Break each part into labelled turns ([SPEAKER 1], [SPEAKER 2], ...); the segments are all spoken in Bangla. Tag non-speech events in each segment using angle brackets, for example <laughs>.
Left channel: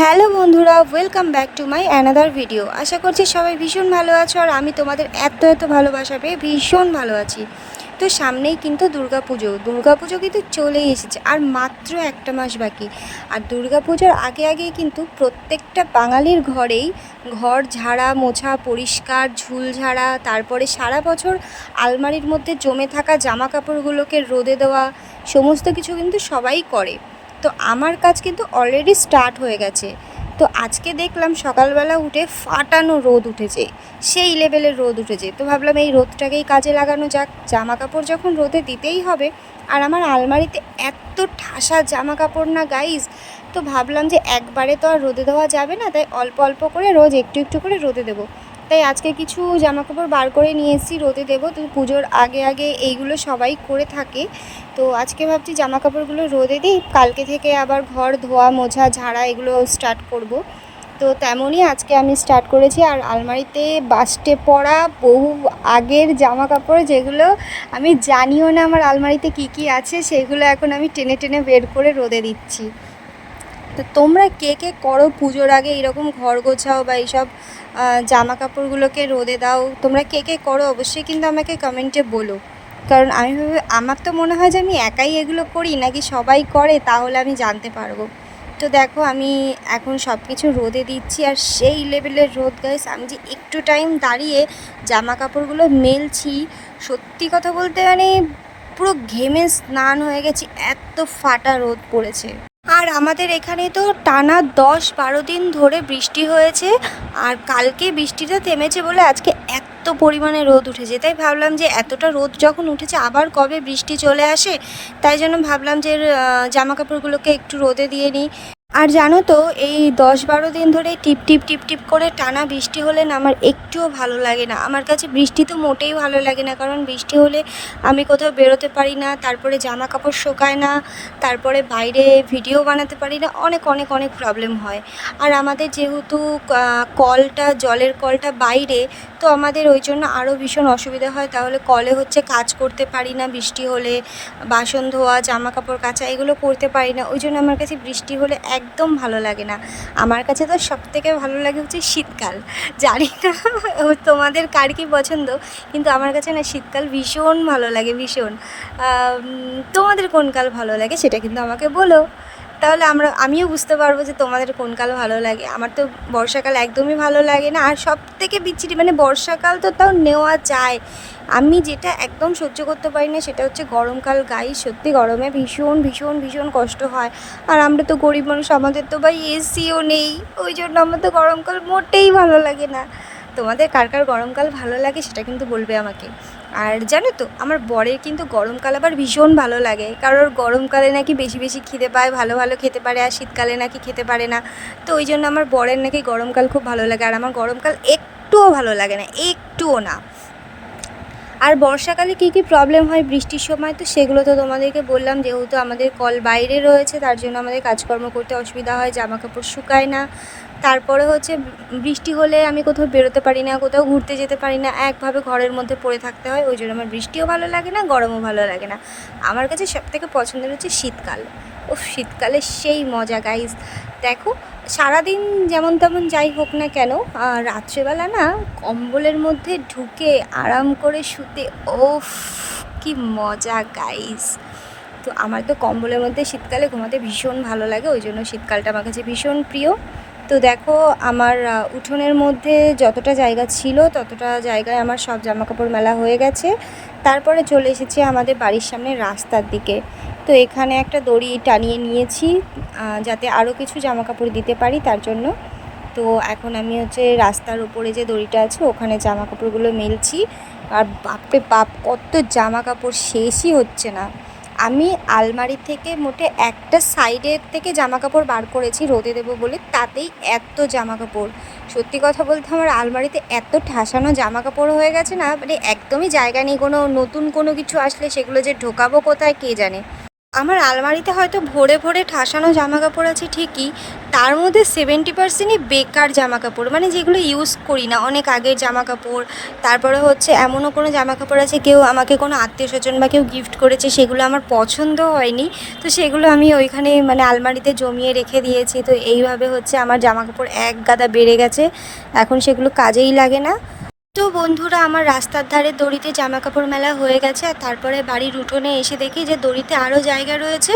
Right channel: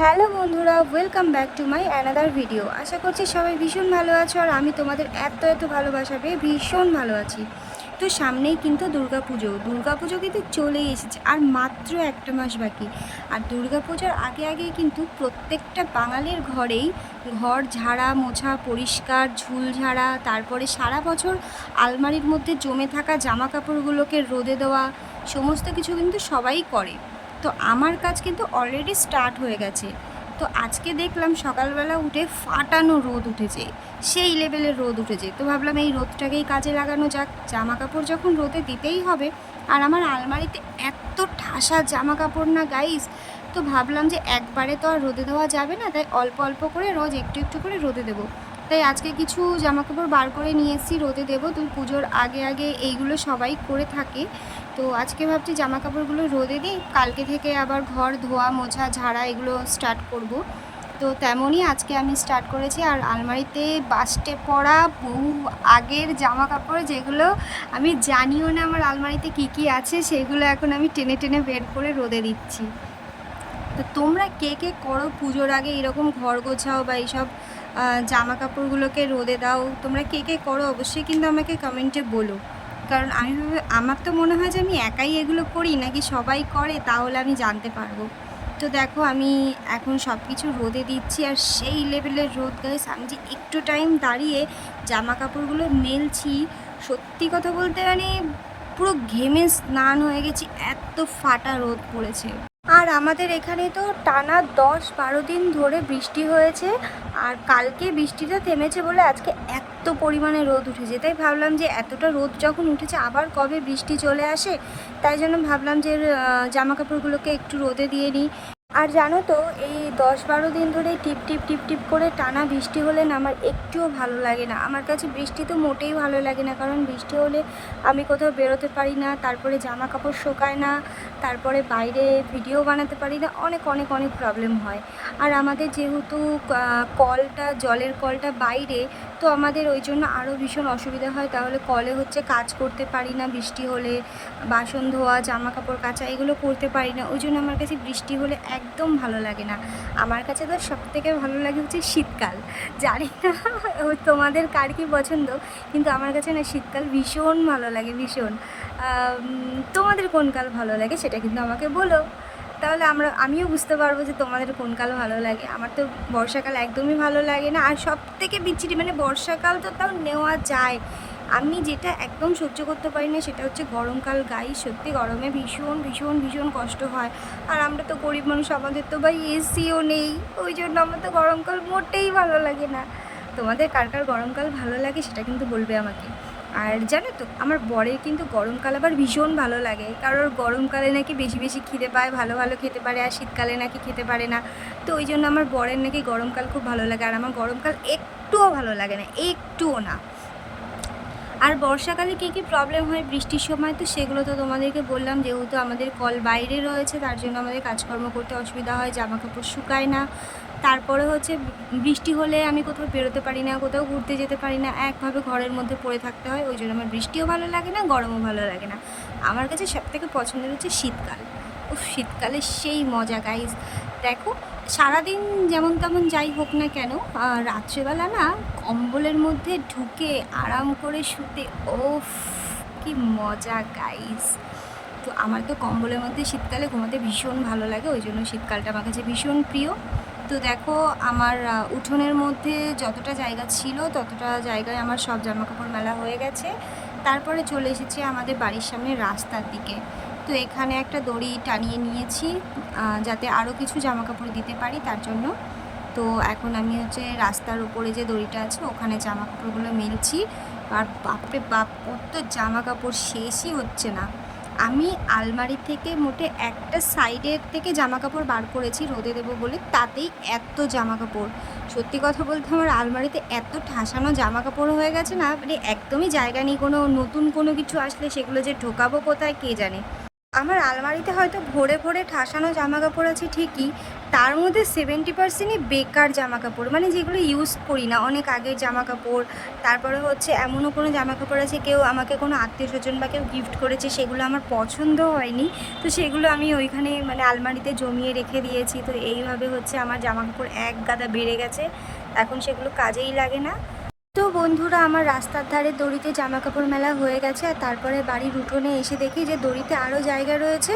[SPEAKER 1] হ্যালো বন্ধুরা welcome back to my another video আশা করছি সবাই ভীষণ ভালো আছো আর আমি তোমাদের এত এত ভালোবাসা পেয়ে ভীষণ ভালো আছি। তো সামনেই কিন্তু দুর্গাপুজো। দুর্গাপুজো কিন্তু চলেই এসেছে আর মাত্র একটা মাস বাকি। আর দুর্গাপুজোর আগে আগে কিন্তু প্রত্যেকটা বাঙালির ঘরেই ঘর ঝাড়া, মোছা, পরিষ্কার, ঝুল ঝাড়া, তারপরে সারা বছর আলমারির মধ্যে জমে থাকা জামা কাপড়গুলোকে রোদে দেওয়া, সমস্ত কিছু কিন্তু সবাই করে। তো আমার কাজ কিন্তু অলরেডি স্টার্ট হয়ে গেছে। তো আজকে দেখলাম সকালবেলা উঠে ফাটানো রোদ উঠেছে, সেই লেভেলের রোদ উঠেছে। তো ভাবলাম এই রোদটাকেই কাজে লাগানো যাক। জামা কাপড় যখন রোদে দিতেই হবে, আর আমার আলমারিতে এত ঠাসা জামা কাপড় না গাইজ তো ভাবলাম যে একবারে তো আর রোদে দেওয়া যাবে না, তাই অল্প অল্প করে রোজ একটু একটু করে রোদে দেবো। তাই আজকে কিছু জামা কাপড় বার করে নিয়ে এসেছি, রোদে দেবো। তো পুজোর আগে আগে এইগুলো সবাই করে থাকে। তো আজকে ভাবছি জামা কাপড়গুলো রোদে দিই, কালকে থেকে আবার ঘর, ধোয়া, মোছা, ঝাড়া এগুলো স্টার্ট করব। তো তেমনই আজকে আমি স্টার্ট করেছি আর আলমারিতে বাস্টে পড়া বহু আগের জামা কাপড় যেগুলো আমি জানিও না আমার আলমারিতে কি কি আছে, সেগুলো এখন আমি টেনে টেনে বের করে রোদে দিচ্ছি। তো তোমরা কে কে করো পুজোর আগে এরকম ঘর গোছাও বা এইসব জামা কাপড়গুলোকে রোদে দাও। তোমরা কে কে করো অবশ্যই কিন্তু আমাকে কমেন্টে বলো। কারণ আমি ভাবে আমার তো মনে হয় যে আমি একাই এগুলো করি, নাকি সবাই করে, তাহলে আমি জানতে পারব। তো দেখো, আমি এখন সব কিছু রোদে দিচ্ছি, আর সেই লেভেলের রোদ গাইস আমি যে একটু টাইম দাঁড়িয়ে জামা কাপড়গুলো মেলছি, সত্যি কথা বলতে মানে পুরো ঘেমে স্নান হয়ে গেছি, এত ফাটা রোদ পড়েছে। আর আমাদের এখানে তো টানা দশ বারো দিন ধরে বৃষ্টি হয়েছে আর কালকে বৃষ্টিটা থেমেছে বলে আজকে এত পরিমাণে রোদ উঠেছে। তাই ভাবলাম যে এতটা রোদ যখন উঠেছে আবার কবে বৃষ্টি চলে আসে? তাই জন্য ভাবলাম যে জামা কাপড়গুলোকে একটু রোদে দিয়ে নিই। আর জানো তো, এই দশ বারো দিন ধরে টিপ টিপ টিপ টিপ করে টানা বৃষ্টি হলে না আমার একটুও ভালো লাগে না। আমার কাছে বৃষ্টি তো মোটেই ভালো লাগে না, কারণ বৃষ্টি হলে আমি কোথাও বেরোতে পারি না, তারপরে জামা কাপড় শোকায় না, তারপরে বাইরে ভিডিও বানাতে পারি না, অনেক অনেক অনেক প্রবলেম হয়। আর আমাদের যেহেতু কলটা, জলের কলটা বাইরে, তো আমাদের ওই জন্য আরও ভীষণ অসুবিধা হয়। তাহলে কলে হচ্ছে কাজ করতে পারি না বৃষ্টি হলে, বাসন ধোয়া জামা কাপড় কাচা, এগুলো করতে পারি না। ওই জন্য আমার কাছে বৃষ্টি হলে একদম ভালো লাগে না। আমার কাছে তো সব থেকে ভালো লাগে হচ্ছে শীতকাল। জানি না তোমাদের কার কি পছন্দ, কিন্তু আমার কাছে না শীতকাল ভীষণ ভালো লাগে, ভীষণ। তোমাদের কোন কাল ভালো লাগে সেটা কিন্তু আমাকে বলো। তাহলে আমরা, আমিও বুঝতে পারব যে তোমাদের কোন কাল ভালো লাগে। আমার তো বর্ষাকাল একদমই ভালো লাগে না। আর সব থেকে বিচ্ছিরি মানে বর্ষাকাল তো তাও নেওয়া যায়। আমি যেটা একদম সহ্য করতে পারি না সেটা হচ্ছে গরমকাল। গাই, সত্যি গরমে ভীষণ ভীষণ ভীষণ কষ্ট হয়। আর আমরা তো গরিব মানুষ, আমাদের তো ভাই এসিও নেই। ওই জন্য আমার তো গরমকাল মোটেই ভালো লাগে না। তোমাদের কার কার গরমকাল ভালো লাগে সেটা কিন্তু বলবে আমাকে। আর জানো তো, আমার বরের কিন্তু গরমকাল আবার ভীষণ ভালো লাগে। কারণ গরমকালে নাকি বেশি বেশি খিদে পায়, ভালো ভালো খেতে পারে, আর শীতকালে নাকি খেতে পারে না। তো ওই জন্য আমার বরের নাকি গরমকাল খুব ভালো লাগে, আর আমার গরমকাল একটুও ভালো লাগে না, একটুও না। আর বর্ষাকালে কী কী প্রবলেম হয় বৃষ্টির সময়, তো সেগুলো তো তোমাদেরকে বললাম। যেহেতু আমাদের কল বাইরে রয়েছে, তার জন্য আমাদের কাজকর্ম করতে অসুবিধা হয় জামা কাপড় শুকায় না। তারপরে হচ্ছে বৃষ্টি হলে আমি কোথাও বেরোতে পারি না, কোথাও ঘুরতে যেতে পারি না, একভাবে ঘরের মধ্যে পড়ে থাকতে হয়। ওই জন্য আমার বৃষ্টিও ভালো লাগে না, গরমও ভালো লাগে না। আমার কাছে সবথেকে পছন্দের হচ্ছে শীতকাল। ও শীতকালে সেই মজা গাইজ দেখো, সারাদিন যেমন তেমন যাই হোক না কেন রাত্রেবেলা না কম্বলের মধ্যে ঢুকে আরাম করে শুতে ওফ কি মজা গাইস তো আমার তো কম্বলের মধ্যে শীতকালে ঘুমাতে ভীষণ ভালো লাগে, ওই জন্য শীতকালটা আমার কাছে ভীষণ প্রিয়। তো দেখো, আমার উঠোনের মধ্যে যতটা জায়গা ছিল ততটা জায়গায় আমার সব জামাকাপড় মেলা হয়ে গেছে। তারপরে চলে এসেছি আমাদের বাড়ির সামনে রাস্তার দিকে। তো এখানে একটা দড়ি টানিয়ে নিয়েছি যাতে আরও কিছু জামা কাপড় দিতে পারি তার জন্য। তো এখন আমি হচ্ছে রাস্তার উপরে যে দড়িটা আছে ওখানে জামা কাপড়গুলো মেলছি। আর বাপরে বাপ, কত জামা কাপড় শেষই হচ্ছে না। আমি আলমারি থেকে মোটে একটা সাইডের থেকে জামা কাপড় বার করেছি রোদে দেবো বলে, তাতেই এত জামা কাপড় সত্যি কথা বলতে আমার আলমারিতে এত ঠাসানো জামা কাপড় হয়ে গেছে না মানে একদমই জায়গা নেই, কোনো নতুন কোনো কিছু আসলে সেগুলো যে ঢোকাবো কোথায় কে জানে। আমার আলমারিতে হয়তো ভরে ভরে ঠাসানো জামা কাপড় আছে ঠিকই, তার মধ্যে সেভেন্টি পার্সেন্টই বেকার জামা কাপড় মানে যেগুলো ইউজ করি না। অনেক আগের জামা কাপড় তারপরে হচ্ছে এমনও কোনো জামা কাপড় আছে, কেউ আমাকে কোনো আত্মীয় স্বজন বা কেউ গিফট করেছে, সেগুলো আমার পছন্দ হয়নি। তো সেগুলো আমি ওইখানে মানে আলমারিতে জমিয়ে রেখে দিয়েছি, তো এইভাবে হচ্ছে আমার জামা কাপড় এক গাদা বেড়ে গেছে। এখন সেগুলো কাজেই লাগে না। তো বন্ধুরা, আমার রাস্তার ধারে দড়িতে জামা কাপড় মেলা হয়ে গেছে আর তারপরে বাড়ির উঠোনে এসে দেখি যে দড়িতে আরও জায়গা রয়েছে।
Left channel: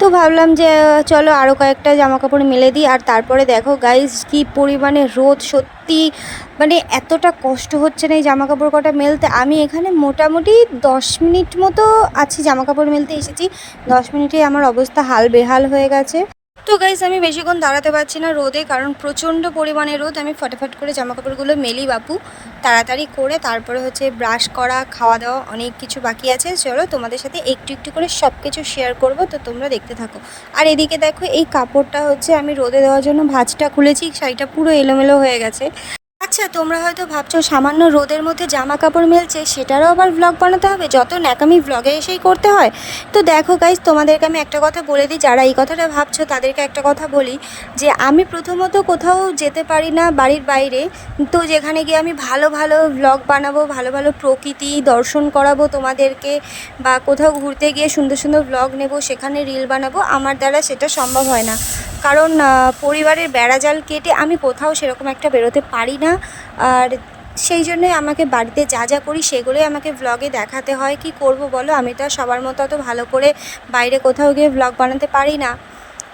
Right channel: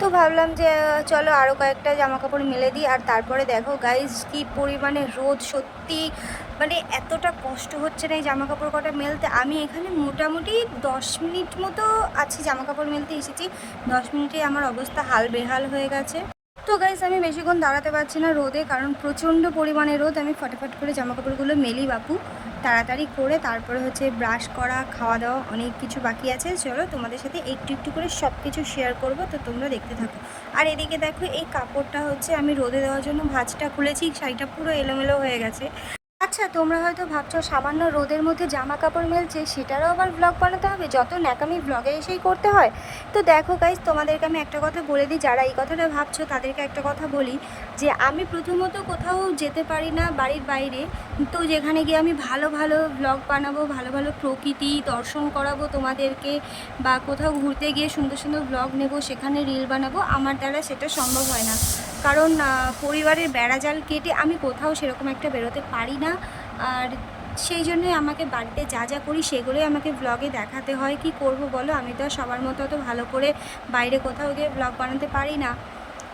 [SPEAKER 1] তো ভাবলাম যে, চলো আরও কয়েকটা জামা কাপড় মেলে দিই। আর তারপরে দেখো গাইজ কি পরিমাণে রোদ সত্যি মানে এতটা কষ্ট হচ্ছে না এই জামা কাপড় কটা মেলতে। আমি এখানে মোটামুটি দশ মিনিট মতো আছি জামা কাপড় মেলতে এসেছি। দশ মিনিটেই আমার অবস্থা হাল বেহাল হয়ে গেছে। তো গাইজ আমি বেশিক্ষণ দাঁড়াতে পারছি না রোদে, কারণ প্রচণ্ড পরিমাণে রোদ। আমি ফটাফট করে জামা কাপড়গুলো মেলি বাপু, তাড়াতাড়ি করে তারপরে হচ্ছে ব্রাশ করা, খাওয়া দাওয়া অনেক কিছু বাকি আছে। চলো তোমাদের সাথে একটু একটু করে সব কিছু শেয়ার করব, তো তোমরা দেখতে থাকো। আর এদিকে দেখো, এই কাপড়টা হচ্ছে আমি রোদে দেওয়ার জন্য ভাজটা খুলেছি, শাড়িটা পুরো এলোমেলো হয়ে গেছে। আচ্ছা তোমরা হয়তো ভাবছ সামান্য রোদের মধ্যে জামা কাপড় মেলছে, সেটারও আবার ব্লগ বানাতে হবে, যত ন্যাকামি ব্লগে এসেই করতে হয়। তো দেখো গাইজ তোমাদেরকে আমি একটা কথা বলে দিই, যারা এই কথাটা ভাবছ তাদেরকে একটা কথা বলি, যে আমি প্রথমত কোথাও যেতে পারি না বাড়ির বাইরে, তো যেখানে গিয়ে আমি ভালো ভালো ব্লগ বানাবো, ভালো ভালো প্রকৃতি দর্শন করাবো তোমাদেরকে, বা কোথাও ঘুরতে গিয়ে সুন্দর সুন্দর ব্লগ নেব, সেখানে রিল বানাবো, আমার দ্বারা সেটা সম্ভব হয় না। কারণ পরিবারের বেড়াজাল কেটে আমি কোথাও সেরকম একটা বেরোতে পারি না। আর সেই জন্যই আমাকে বাড়িতে যা যা করি সেগুলোই আমাকে ব্লগে দেখাতে হয়। কি করব বলো? আমি তো সবার মতো অত ভালো করে বাইরে কোথাও গিয়ে ব্লগ বানাতে পারি না।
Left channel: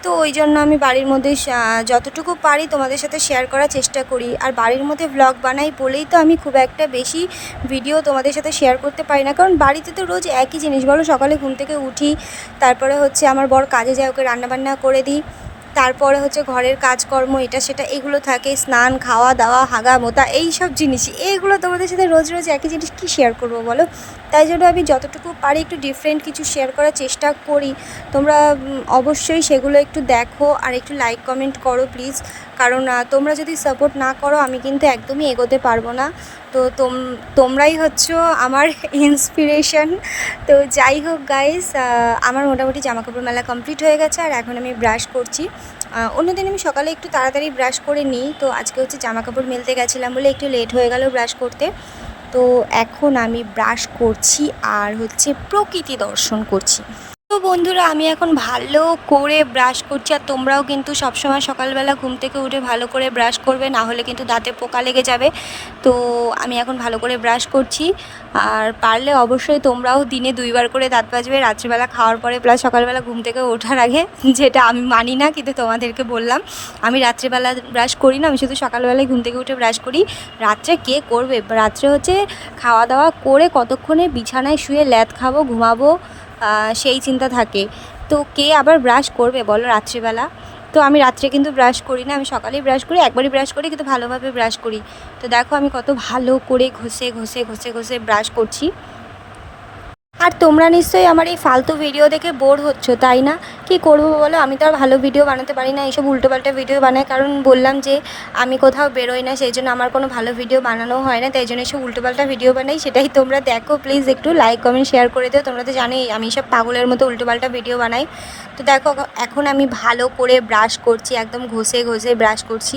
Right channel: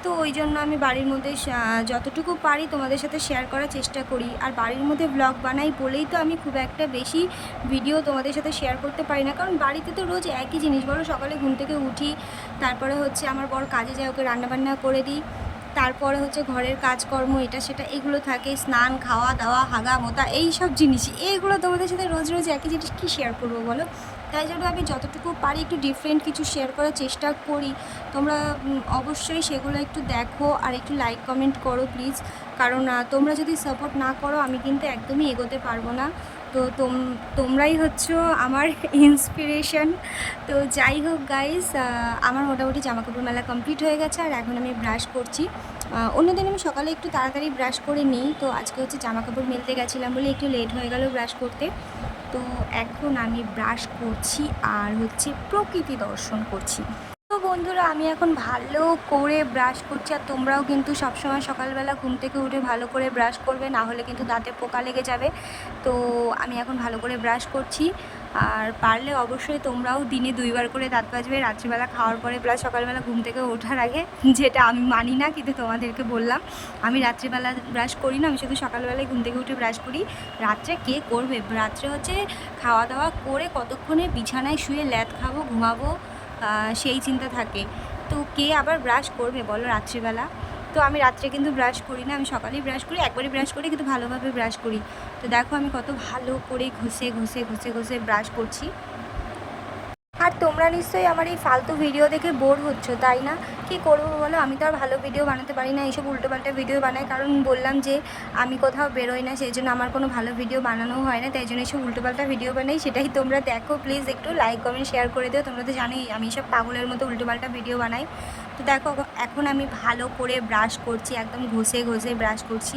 [SPEAKER 1] তো ওই জন্য আমি বাড়ির মধ্যে যতটুকু পারি তোমাদের সাথে শেয়ার করার চেষ্টা করি। আর বাড়ির মধ্যে ব্লগ বানাই বলেই তো আমি খুব একটা বেশি ভিডিও তোমাদের সাথে শেয়ার করতে পারি না। কারণ বাড়িতে তো রোজ একই জিনিস বলো, সকালে ঘুম থেকে উঠি, তারপরে হচ্ছে আমার বর কাজে যায়, ওকে রান্নাবান্না করে দিই। তারপরে হচ্ছে ঘরের কাজকর্ম, এটা সেটা, এগুলো থাকে, স্নান, খাওয়া দাওয়া হাগা মোতা এই সব জিনিসই। এইগুলো তোমাদের সাথে রোজ রোজ একই জিনিস কী শেয়ার করব বলো? তাই জন্য আমি যতটুকু পারি একটু ডিফারেন্ট কিছু শেয়ার করার চেষ্টা করি। তোমরা অবশ্যই সেগুলো একটু দেখো আর একটু লাইক কমেন্ট করো প্লিজ কারণ তোমরা যদি সাপোর্ট না করো, আমি কিন্তু একদমই এগোতে পারব না। তো তোম, তোমরাই হচ্ছে আমার <laughs> ইন্সপিরেশন তো যাই হোক গাইস আমার মোটামুটি জামা কাপড় মেলা কমপ্লিট হয়ে গেছে আর এখন আমি ব্রাশ করছি। অন্যদিন আমি সকালে একটু তাড়াতাড়ি ব্রাশ করে নিই। তো আজকে হচ্ছে জামা কাপড় মেলতে গেছিলাম বলে একটু লেট হয়ে গেল ব্রাশ করতে। তো এখন আমি ব্রাশ করছি আর হচ্ছে প্রকৃতি দর্শন করছি। তো বন্ধুরা, আমি এখন ভালো করে ব্রাশ করছি আর তোমরাও কিন্তু সবসময় সকালবেলা ঘুম থেকে উঠে ভালো করে ব্রাশ করবে, না হলে কিন্তু দাঁতে পোকা লেগে যাবে। তো আমি এখন ভালো করে ব্রাশ করছি আর পারলে অবশ্যই তোমরাও দিনে দুইবার করে দাঁত বাজবে রাত্রিবেলা খাওয়ার পরে প্লাস সকালবেলা ঘুম থেকে ওঠার আগে, যেটা আমি মানি না কিন্তু তোমাদেরকে বললাম। আমি রাত্রিবেলা ব্রাশ করি না, আমি শুধু সকালবেলায় ঘুম থেকে উঠে ব্রাশ করি। রাত্রে কে করবে? রাত্রে হচ্ছে খাওয়া দাওয়া করে কতক্ষণে বিছানায় শুয়ে ল্যাদ খাব, ঘুমাবো সেই চিন্তা থাকে। তো কে আবার ব্রাশ করবে বলো রাত্রিবেলা? তো আমি রাত্রে কিন্তু ব্রাশ করি না, আমি সকালেই ব্রাশ করি, একবারই ব্রাশ করি, কিন্তু ভালোভাবে ব্রাশ করি। তো দেখো আমি কত ভালো করে ঘষে ঘষে ঘষে ঘষে ব্রাশ করছি। আর তোমরা নিশ্চয়ই আমার এই ফালতু ভিডিও দেখে বোর হচ্ছ, তাই না? কি করব বলো? আমি তো আর ভালো ভিডিও বানাতে পারি না, এইসব উল্টোপাল্টা ভিডিও বানাই কারণ বললাম যে, আমি কোথাও বেরোই না, সেই জন্য আমার কোনো ভালো ভিডিও বানানো হয় না, তাই জন্য এইসব উল্টোপাল্টা ভিডিও বানাই। সেটাই তোমরা দেখো প্লিজ একটু লাইক কমেন্ট শেয়ার করে দিও। তোমরা তো জানোই, আমি সব পাগলের মতো উল্টোপাল্টা ভিডিও বানাই। তো দেখো, এখন আমি ভালো করে ব্রাশ করছি, একদম ঘষে ঘষে ব্রাশ করছি,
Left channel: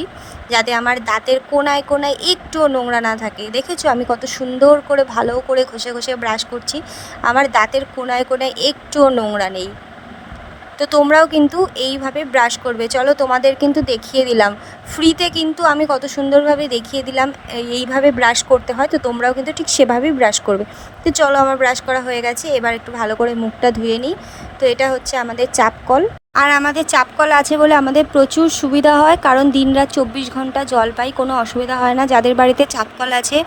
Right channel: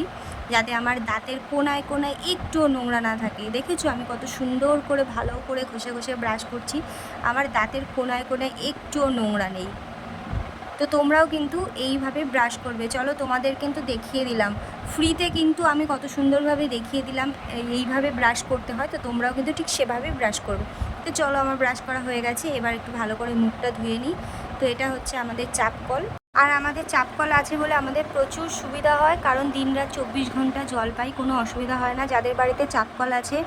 [SPEAKER 1] যাতে আমার দাঁতের কোনায় কোনায় একটুও নোংরা না থাকে। দেখেছ? আমি কত সুন্দর করে ভালো করে ঘষে ঘষে ব্রাশ করছি। আমার দাঁতের কোনায় কোনায় একটুও নোংরা নেই। তো তোমরাও কিন্তু এইভাবে ব্রাশ করবে। চলো তোমাদের কিন্তু দেখিয়ে দিলাম। ফ্রিতে কিন্তু আমি কত সুন্দরভাবে দেখিয়ে দিলাম এইভাবে ব্রাশ করতে হয়। তো তোমরাও কিন্তু ঠিক সেভাবেই ব্রাশ করবে। তো চলো আমার ব্রাশ করা হয়ে গেছে, এবার একটু ভালো করে মুখটা ধুয়ে নিই। তো এটা হচ্ছে আমাদের চাপ কল আর আমাদের চাপ কল আছে বলে আমাদের প্রচুর সুবিধা হয়, কারণ দিনরাত চব্বিশ ঘণ্টা জল পাই, কোনো অসুবিধা হয় না। যাদের বাড়িতে চাপ কল আছে,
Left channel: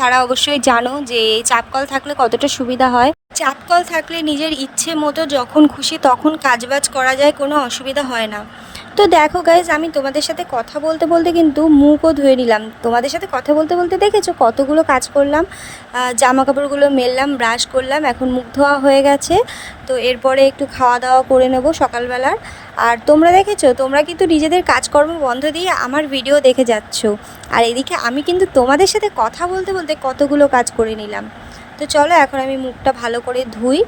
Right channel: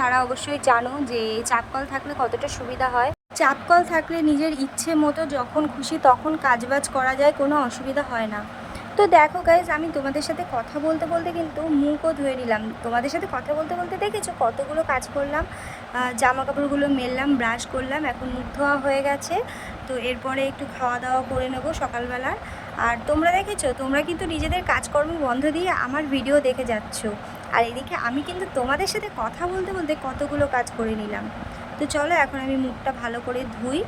[SPEAKER 1] তারা অবশ্যই জানো যে চাপ কল থাকলে কতটা সুবিধা হয়। চাপ কল থাকলে নিজের ইচ্ছে মতো যখন খুশি তখন কাজবাজ করা যায়, কোনো অসুবিধা হয় না। তো দেখো গাইজ আমি তোমাদের সাথে কথা বলতে বলতে কিন্তু মুখও ধুয়ে নিলাম। তোমাদের সাথে কথা বলতে বলতে দেখেছ কতগুলো কাজ করলাম। জামা কাপড়গুলো মেললাম ব্রাশ করলাম, এখন মুখ ধোয়া হয়ে গেছে। তো এরপরে একটু খাওয়া দাওয়া করে নেব সকালবেলার। আর তোমরা দেখেছ, তোমরা কিন্তু নিজেদের কাজকর্ম বন্ধ দিয়ে আমার ভিডিও দেখে যাচ্ছ। আর এদিকে আমি কিন্তু তোমাদের সাথে কথা বলতে বলতে কতগুলো কাজ করে নিলাম। তো চলো, এখন আমি মুখটা ভালো করে ধুই।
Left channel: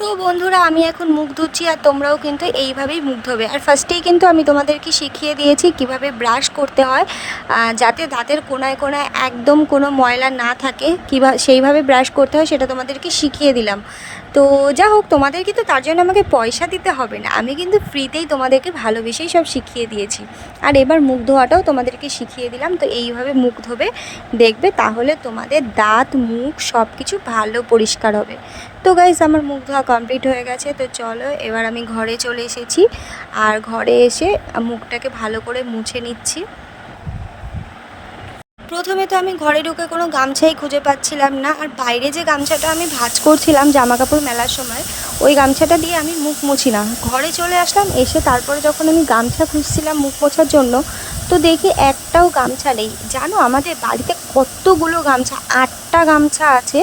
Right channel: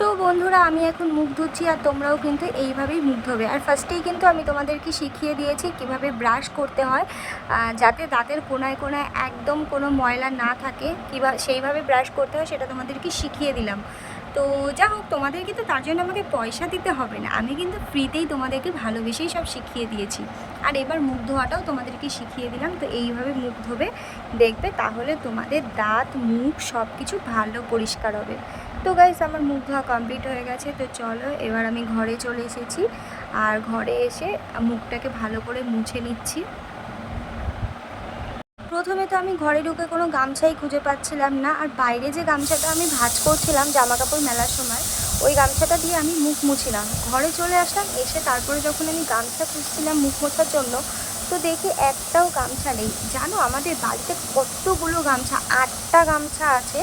[SPEAKER 1] তো বন্ধুরা, আমি এখন মুখ ধুচ্ছি আর তোমরাও কিন্তু এইভাবেই মুখ ধোবে। আর ফার্স্টেই কিন্তু আমি তোমাদেরকে শিখিয়ে দিয়েছি কীভাবে ব্রাশ করতে হয় যাতে দাঁতের কোনায় কোনায় একদম কোনো ময়লা না থাকে। কীভাবে সেইভাবে ব্রাশ করতে হয়, সেটা তোমাদেরকে শিখিয়ে দিলাম। তো যা হোক, তোমাদের কিন্তু তার জন্য আমাকে পয়সা দিতে হবে না। আমি কিন্তু ফ্রিতেই তোমাদেরকে ভালোবেসেই সব শিখিয়ে দিয়েছি। আর এবার মুখ ধোয়াটাও তোমাদেরকে শিখিয়ে দিলাম। তো এইভাবে মুখ ধোবে, দেখবে তাহলে তোমাদের দাঁত, মুখ সব কিছু ভালো পরিষ্কার হবে। তো গাইস আমার মুখ ধোয়া কমপ্লিট হয়ে গেছে। তো চলো, এবার আমি ঘরে চলে এসেছি। আর ঘরে এসে মুখটাকে ভালো করে মুছে নিচ্ছি। প্রথমে তো আমি ঘরে ঢুকে কোনো গামছাই খুঁজে পাচ্ছিলাম না, আর বাইরে যে গামছাটা আমি ভাজ করছিলাম জামা কাপড় মেলার সময়, ওই গামছাটা দিয়ে আমি মুখ মুছিলাম ঘরে চলে আসলাম, এসে তারপরে যখন আমি গামছা খুঁজছিলাম মুখ মোছার জন্য, তো দেখি একটাও গামছা নেই। জানো, আমাদের বাড়িতে কতগুলো গামছা, আটটা গামছা আছে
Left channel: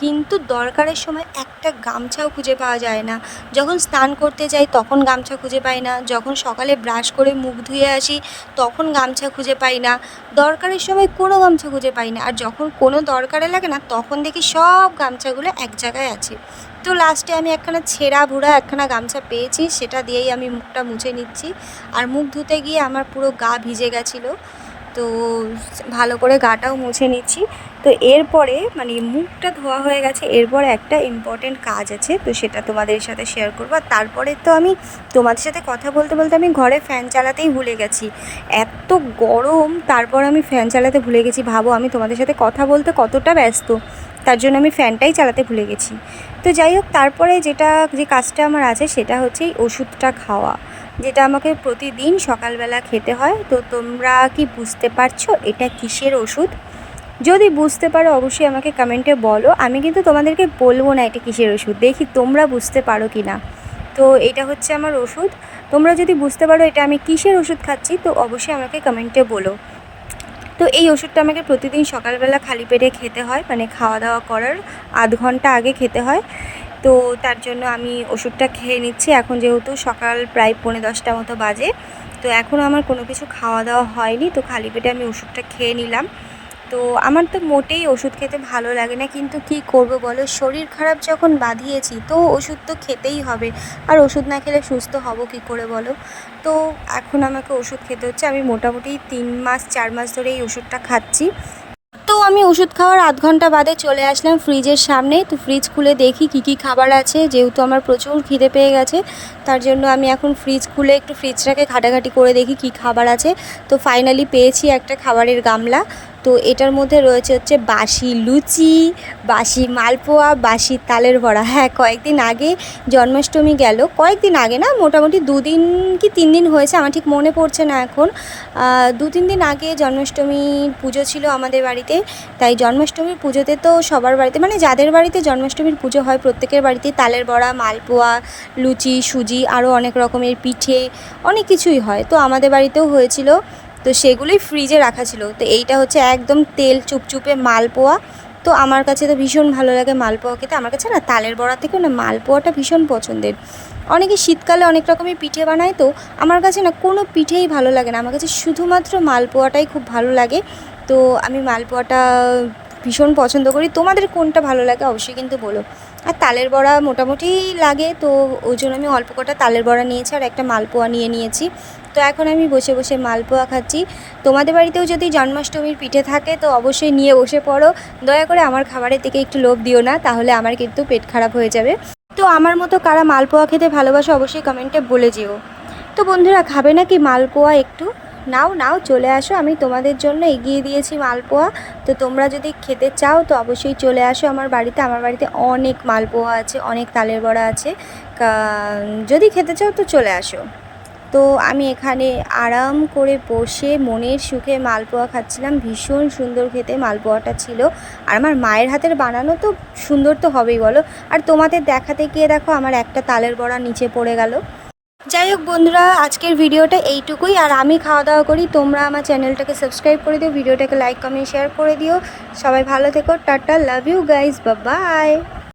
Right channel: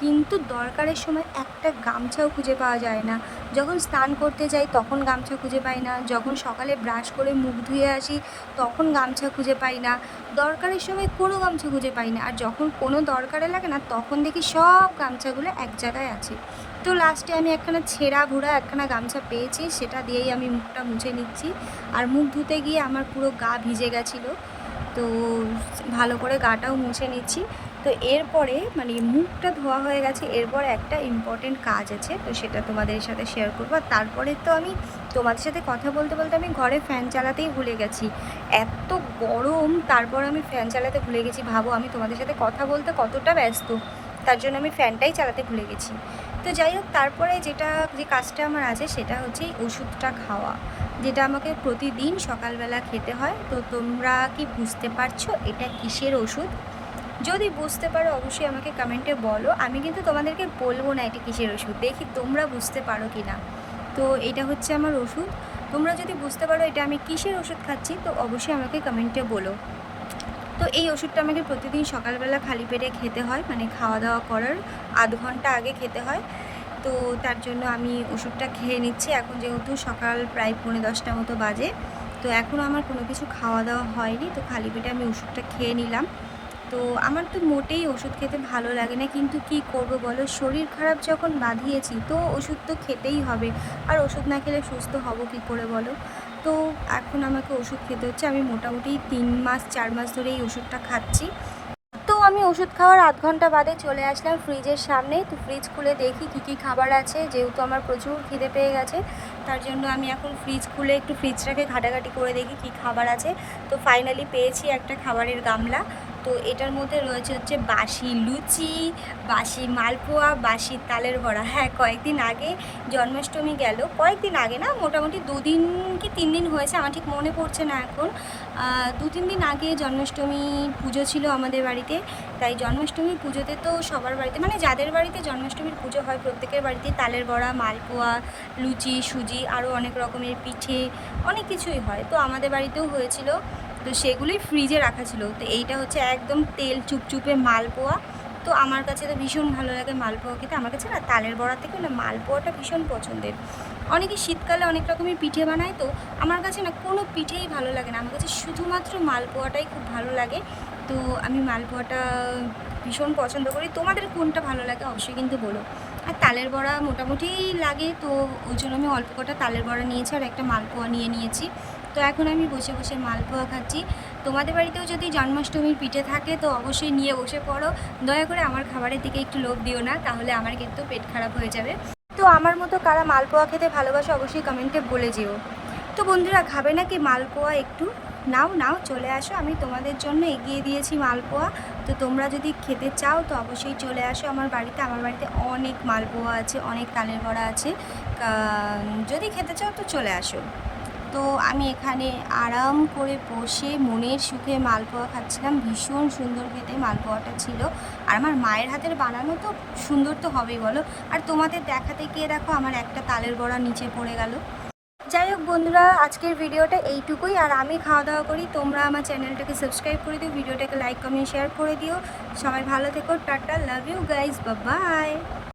[SPEAKER 1] কিন্তু দরকারের সময় একটা গামছাও খুঁজে পাওয়া যায় না। যখন স্নান করতে যাই তখন গামছা খুঁজে পাই না। যখন সকালে ব্রাশ করে মুখ ধুয়ে আসি তখন গামছা খুঁজে পাই না। দরকারের সময় কোনো গামছা খুঁজে পাই না। আর যখন কোনো দরকারে লাগে না তখন দেখি সব গামছাগুলো এক জায়গায় আছে। তো লাস্টে আমি একখানা ছেঁড়া ভুড়া একখানা গামছা পেয়েছি। সেটা দিয়েই আমি মুখটা মুছে নিচ্ছি। আর মুখ ধুতে গিয়ে আমার পুরো গা ভিজে গেছিল। তো ভালো করে গাটাও মুছে নিচ্ছি। তো এরপরে মানে মুখটা ধোয়া হয়ে গেছে, এরপরে একটা ইম্পর্টেন্ট কাজ আছে, তো সেটা তোমাদের সাথে শেয়ার করব। আর তারপরে তো আমি তোমাদের সাথে কথা বলতে বলতে আমি ঘরে ফ্যান চালাতেই ভুলে গেছি। এত গরম, তারপর আমি ফ্যান চালাতে ভুলে গেছি। ভাবো, আমি তোমাদের সাথে কথা বলতে কতটা ব্যস্ত, তার জন্য আমি ফ্যানটাই চালাতে ভুলে গেছি। তো যাই হোক, তারপরে যেটা, যে কাজটা আমার আছে, সেটা হচ্ছে ওষুধটা খাওয়া। যেটা আমাকে প্রতিদিন সকালবেলা খেতে হয়, তো তোমরা কি বুঝতে পারছ এটা কিসের ওষুধ? যদি বুঝতে পারো অবশ্যই আমাকে কমেন্টে বলো। আমি কিন্তু তোমাদেরকে বলব না এটা কিসের ওষুধ, দেখি তোমরা বুঝতে পারো কি না তো এটা হচ্ছে আমার ওষুধ। তোমরা যদি বুঝতে পারো এটা আমি কিসের ওষুধ খাচ্ছি, তো অবশ্যই আমাকে কমেন্টে বলো। তো এই ওষুধটা আমাকে প্রতিদিন সকালবেলা খালি পেটে খেতে হয় মানে খাওয়া দাওয়া করার আধ ঘণ্টা আগে খেতে হয়। তো তার জন্য আমি ওষুধটা খেয়ে নিচ্ছি। এখন যেহেতু সকাল প্রায় পৌনে দশটা মতো বাজে, তো এখনও আমার কোনো কিছু খাওয়া দাওয়া হয়নি। তো খালি পেটে আমি ওষুধটা খেয়ে নিলাম। তো আমার তো মোটেই ওষুধ খেতে ভালো লাগে না, কিন্তু কি করব বলো? শরীর খারাপ যখন বাঁধিয়েছি, তো ওষুধ তো খেতেই হবে। আর ওষুধ না খেলে সুস্থ হব কি করে বলো? তো এখন আমাকে ওষুধ খেতে হচ্ছে। আমি মোটামুটি তিন মাস, চার মাস ধরে এই ওষুধটা খাচ্ছি। আমি ওষুধ খাওয়ার আধ ঘণ্টা বাদে চলে আসলাম ফ্রিজের সামনে। তো ফ্রিজ খুলে দেখি কি কি খাবার আছে, যেহেতু আমার প্রচুর খিদে পেয়ে গেছে, তার জন্য আমি এখন ফ্রিজ খুলে একটু ফ্রিজটাকে ঘাটাঘাটি করে দেখি কি খাবার আছে। তো ফাইনালি পেয়েছি একটা খাবারের গামলা। তো এটার মধ্যে রয়েছে হচ্ছে বাসি লুচি, বাসি মালপোয়া, বাসি তালের বড়া। হ্যাঁ কয়েকদিন আগে জন্মাষ্টমী গেল। কয়েকদিন আগে না, মোটামুটি দুদিন কি তিন দিন হয়েছে, আমার ঠিক মনে পড়ছে না এখন। দু তিন দিন আগে জন্মাষ্টমীর পুজো ছিল আমাদের বাড়িতে। তাই জন্মাষ্টমীর পুজোতে তো সবার বাড়িতে মানে যাদের বাড়িতে জন্মাষ্টমীর পুজো হয়, প্রত্যেকের বাড়িতে তালের বড়া, মালপোয়া, লুচি, সুজি, আরও অনেক রকমের পিঠে, অনেক কিছুই হয়। তো আমাদের বাড়িতেও হয়েছিল। তো সেগুলোই ফ্রিজে রাখা ছিল। তো এইটা হচ্ছে একদম তেল চুপচুপে মালপোয়া। তো আমার কাছে তো ভীষণ ভালো লাগে মালপোয়া খেতে। আমার কাছে না তালের বড়া থেকে না মালপোয়াটা ভীষণ পছন্দের। অনেকে শীতকালে অনেক রকমের পিঠে বানায়, তো আমার কাছে না কোনো পিঠেই ভালো লাগে না। আমার কাছে শুধুমাত্র মালপোয়াটাই খুব ভালো লাগে। তো আমি মালপোয়াটা ভীষণ পছন্দ করি। তোমাদের কোনটা ভালো লাগে অবশ্যই কিন্তু বলো। আর তালের বড়া মোটামুটি লাগে, তো ওই জন্য আমি অল্প কটা তালের বড়া নিয়েছি আর একটা মালপোয়া নিয়ে নিয়েছি। তো এখন আমি বসে বসে মালপোয়া খাচ্ছি। তোমাদের বাড়িতেও যদি জন্মাষ্টমীর পিঠে থাকে, তো অবশ্যই নিয়ে বসে পড়ো। দয়া করে আমার খাবারের দিকে একটু লোভ দিও না, তাহলে আমার কিন্তু পেট খারাপ হয়ে যাবে। তো আমার মতো কারা মালপোয়া খেতে ভালোবাসো, অবশ্যই কমেন্টে বলে যেও। তো বন্ধুরা, খাবে নাকি মালপোয়া একটু? নাও নাও, চলে আসো। আমি তোমাদের জন্য এগিয়ে দিয়েছি মালপোয়া। তো তোমরা যদি খেতে চাও, তো অবশ্যই চলে আসো আমার বাড়িতে। আমার বাড়িতে অনেক মালপোয়া আছে, অনেক তালের বড়া আছে। যদি খেতে চাও, তো চলে আসো। তো আমি এখানে আরাম করে বসে মনের সুখে মালপোয়া খাচ্ছিলাম। ভীষণ সুন্দর খেতে মালপোয়াটা ছিল। আর আমার মায়ের হাতের বানানো তো সুন্দর তো হবেই, বলো। আর তোমাদের দেখাতে গিয়ে দেখো আমার একটা তালের বড়া নিচে পড়ে গেল। যাই হোক বন্ধুরা, আজকের ভিডিওটা এইটুকুই। আর আমি খাওয়া দাওয়া করি। তোমরা আমার চ্যানেলটাকে সাবস্ক্রাইব করে দিও। ভিডিওটাকে লাইক, কমেন্ট, শেয়ার করে দিও। সবাই ভালো থেকো। Tata, love you guys. বা বাই